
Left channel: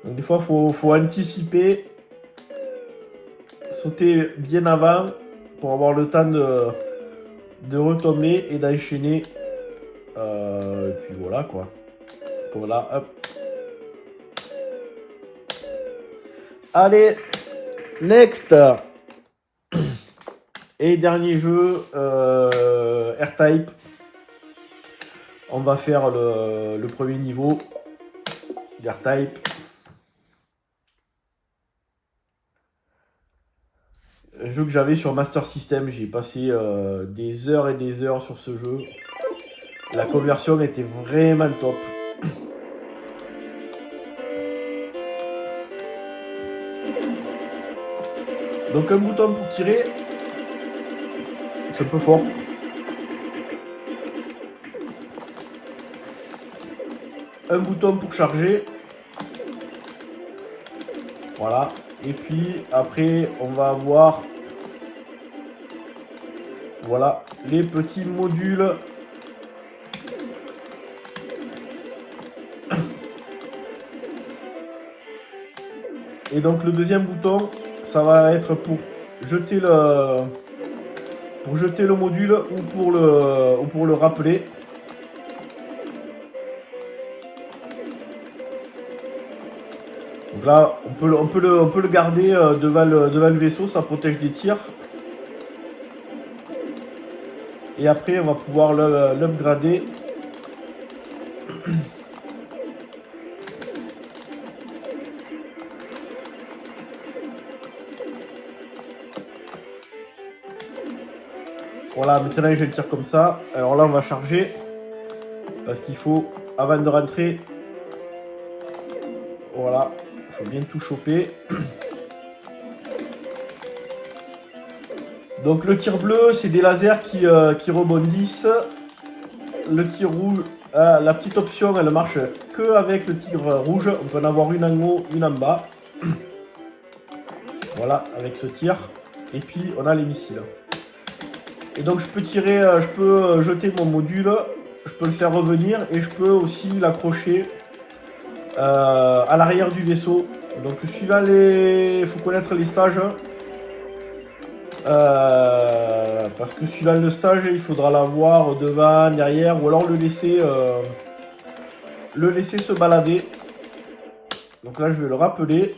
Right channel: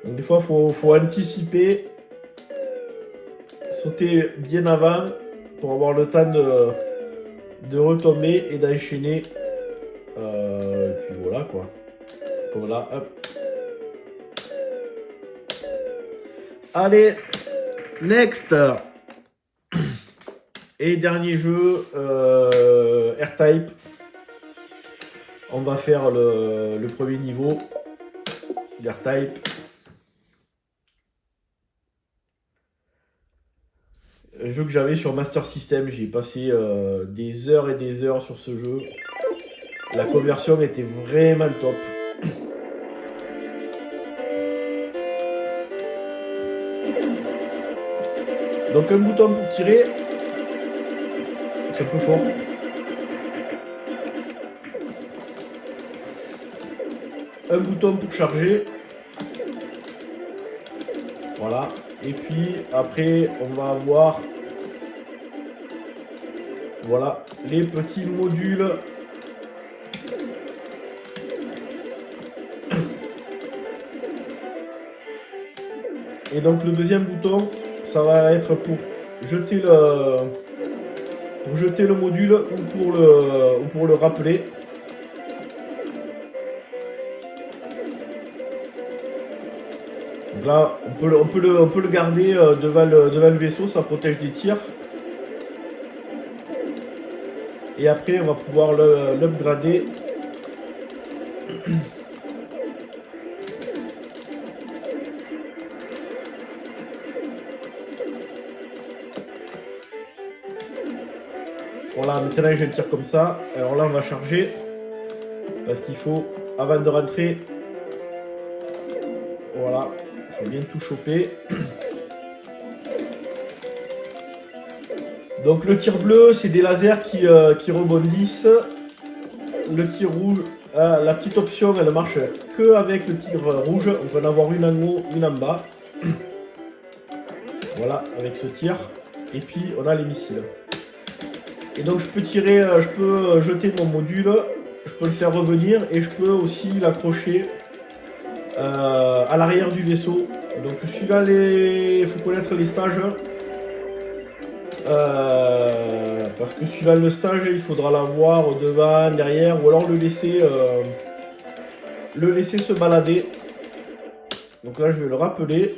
Donc des fois il faut anticiper. Sauter bien avant pour avoir le temps de retomber et d'enchaîner. Et puis voilà quoi. Voilà, hop. Allez, next. Et dernier jeu, R-Type. On va faire le premier niveau d'R-Type. Jeu que j'avais sur Master System, j'ai passé des heures et des heures sur ce jeu. La conversion était vraiment top. Donc un bouton pour tirer, c'est un peu fort. Un bouton pour charger. Voilà. Et puis après on va avoir voilà les petits modules. Et donc le deuxième bouton, ça va être pour jeter le module ou pour le rappeler. Donc là, on peut le garder devant le vaisseau, ça protège des tirs. Et après, on va pouvoir l'upgrader. Voilà, maintenant je tire comme ça. Alors là, on va charger. Parce qu'il faut, avant de rentrer, voilà, il faut bien tout choper. Donc le tir bleu, c'est des lasers qui rebondissent. Le tir rouge, la petite option, elle marche que avec le tir rouge. On peut en avoir une en haut, une en bas. Voilà, avec ce tir. Et puis on a les missiles. Et donc je peux tirer, je peux jeter mon module, je peux le faire revenir et je peux aussi l'accrocher à l'arrière du vaisseau Donc suivant les... Il faut connaître les stages. Parce que suivant le stage, il faudra l'avoir devant, derrière, ou alors le laisser se balader. Donc là, je vais le rappeler.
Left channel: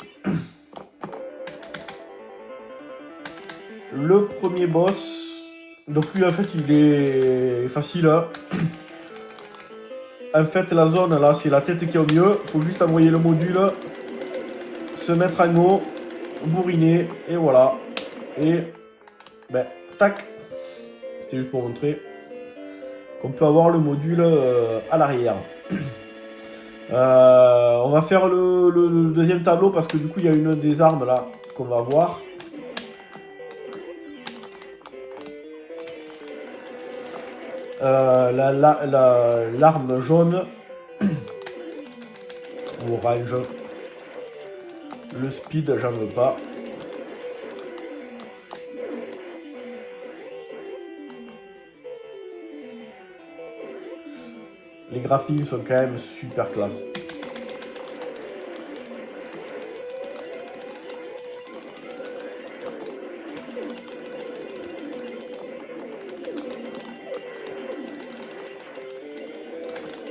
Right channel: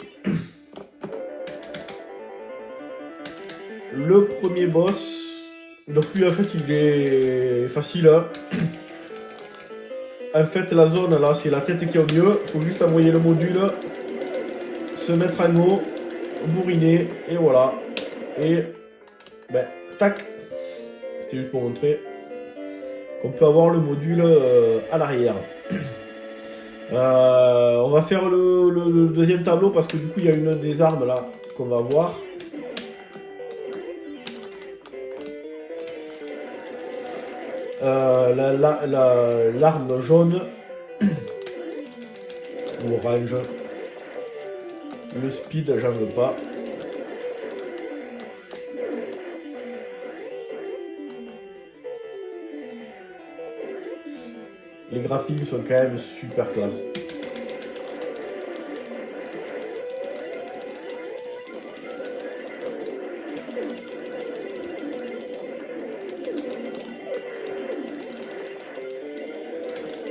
Le premier boss. Donc lui, en fait, il est facile. Hein. En fait, la zone, là, c'est la tête qui est au mieux. Il faut juste envoyer le module, se mettre en haut, bourriner, et voilà. Et, ben, tac. C'était juste pour montrer qu'on peut avoir le module à l'arrière. On va faire le deuxième tableau parce que du coup, il y a une des armes là qu'on va voir. L'arme jaune, l'orange, le speed, j'en veux pas. Les graphismes sont quand même super classe.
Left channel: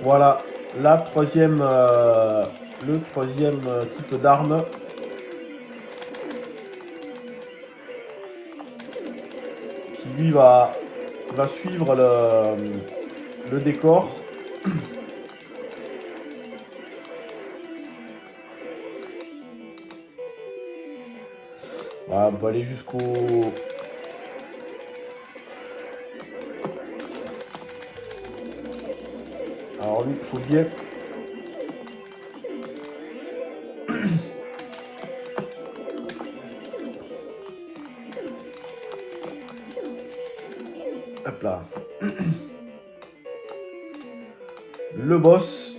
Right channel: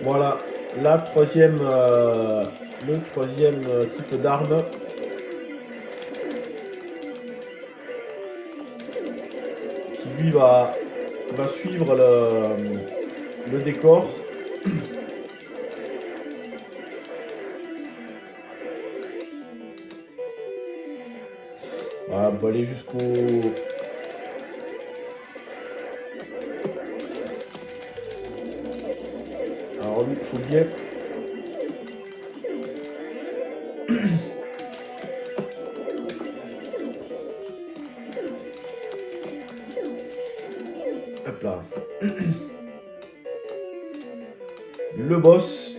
Voilà, le troisième type d'arme. Qui lui va suivre le décor. Voilà, on peut aller jusqu'au... Alors il faut bien... Hop là. Le boss.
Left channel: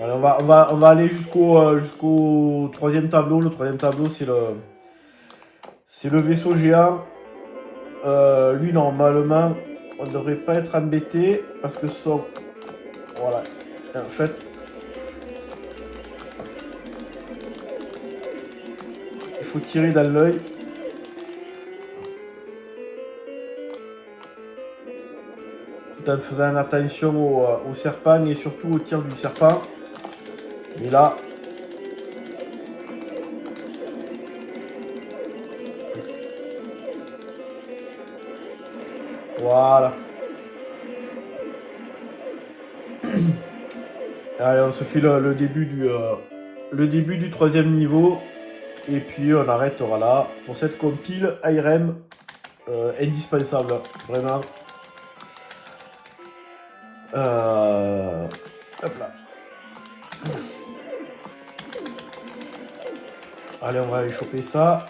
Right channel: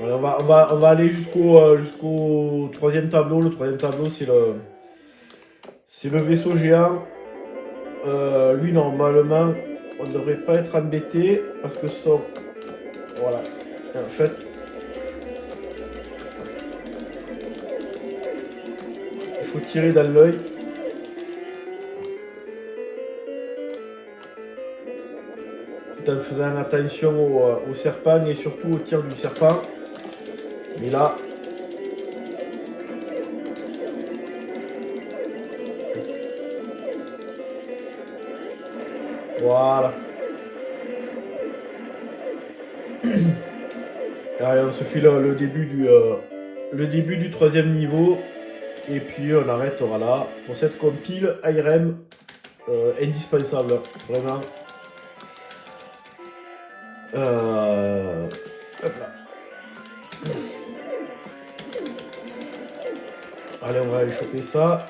Alors, on va aller jusqu'au troisième tableau. Le troisième tableau, c'est le vaisseau géant. Lui, normalement, on ne devrait pas être embêté parce que son... Voilà. En fait... Il faut tirer dans l'œil. Tout en faisant attention au serpent et surtout au tir du serpent. Et là... Voilà. Allez, on se fait le début du troisième niveau. Et puis on arrêtera là pour cette compile IRM indispensable. Vraiment. Hop là. Allez, on va aller choper ça.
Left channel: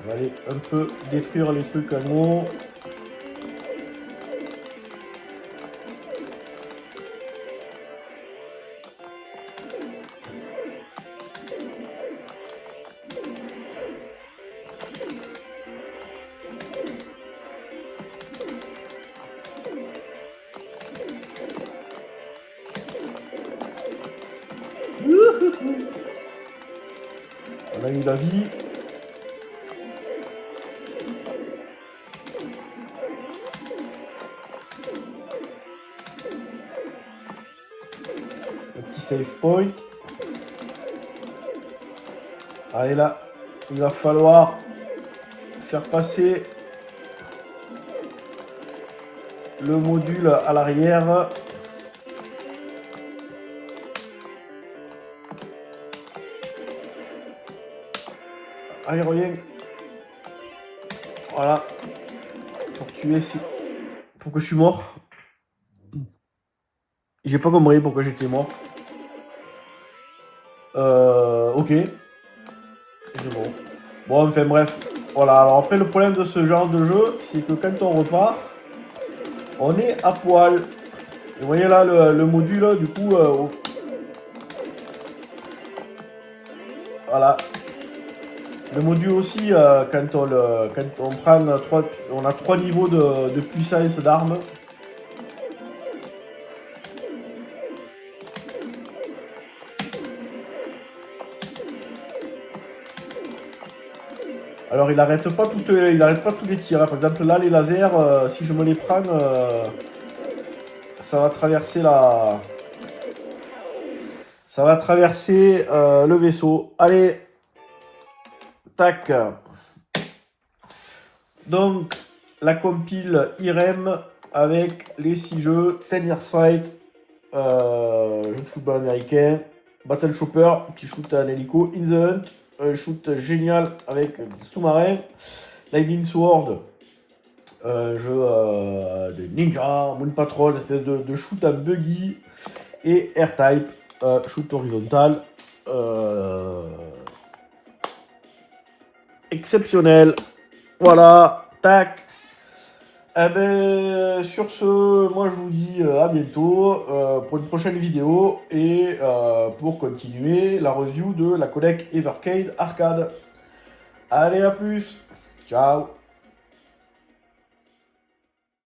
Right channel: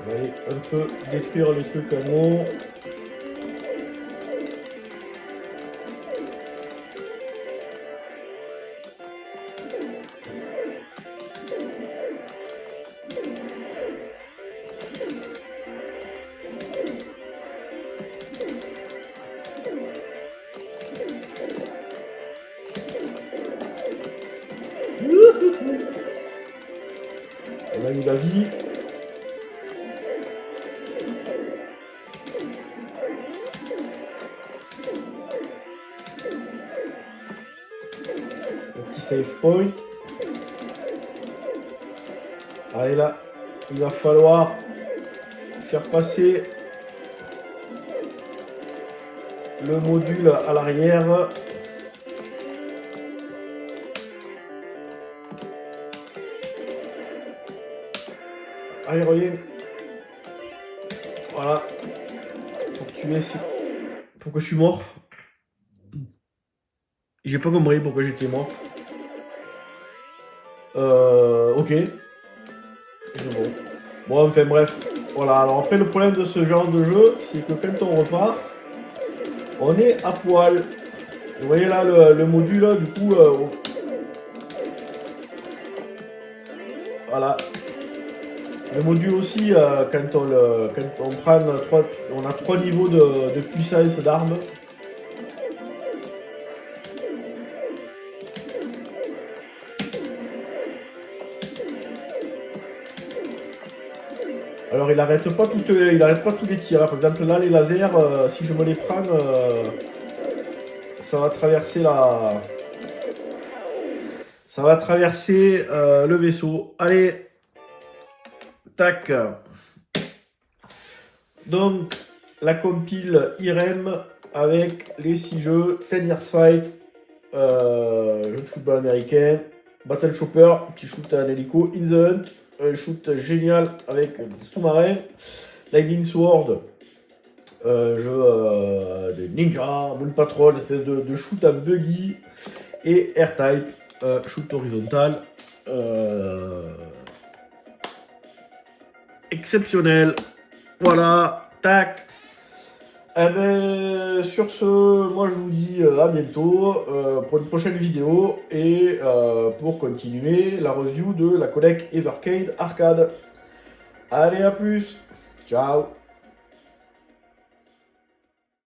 On va aller un peu détruire les trucs en haut. On a eu la vie. Un petit save point. Allez là, il va falloir faire passer le module à l'arrière. Allez, reviens. Voilà. Pour tuer, pourquoi je suis mort. J'ai pas compris pourquoi j'étais mort. Ok. C'est bon. Bon, enfin bref. Voilà. Alors après, le problème de ce genre de jeu, c'est que quand on repart, on est à poil. Vous voyez là le module, du coup... voilà. Le module aussi, quand on prend on a 3 niveaux de puissance d'armes. Alors il arrête pas tous les tirs. Hein. Par exemple là les lasers, si je me les prends, ça va traverser la... Ça va traverser le vaisseau. Allez. Tac. Donc la compile IREM avec les 6 jeux, 10 Years Fight, jeu de football américain, Battle Chopper, petit shoot à un hélico, In the Hunt, un shoot génial avec sous-marin, Lightning Sword, jeu de ninja, Moon Patrol, espèce de shoot à buggy, et R-Type, shoot horizontal, exceptionnel. Voilà, tac. Eh ben, sur ce, moi je vous dis à bientôt pour une prochaine vidéo et pour continuer la review de la codec Evercade Arcade. Allez, à plus. Ciao.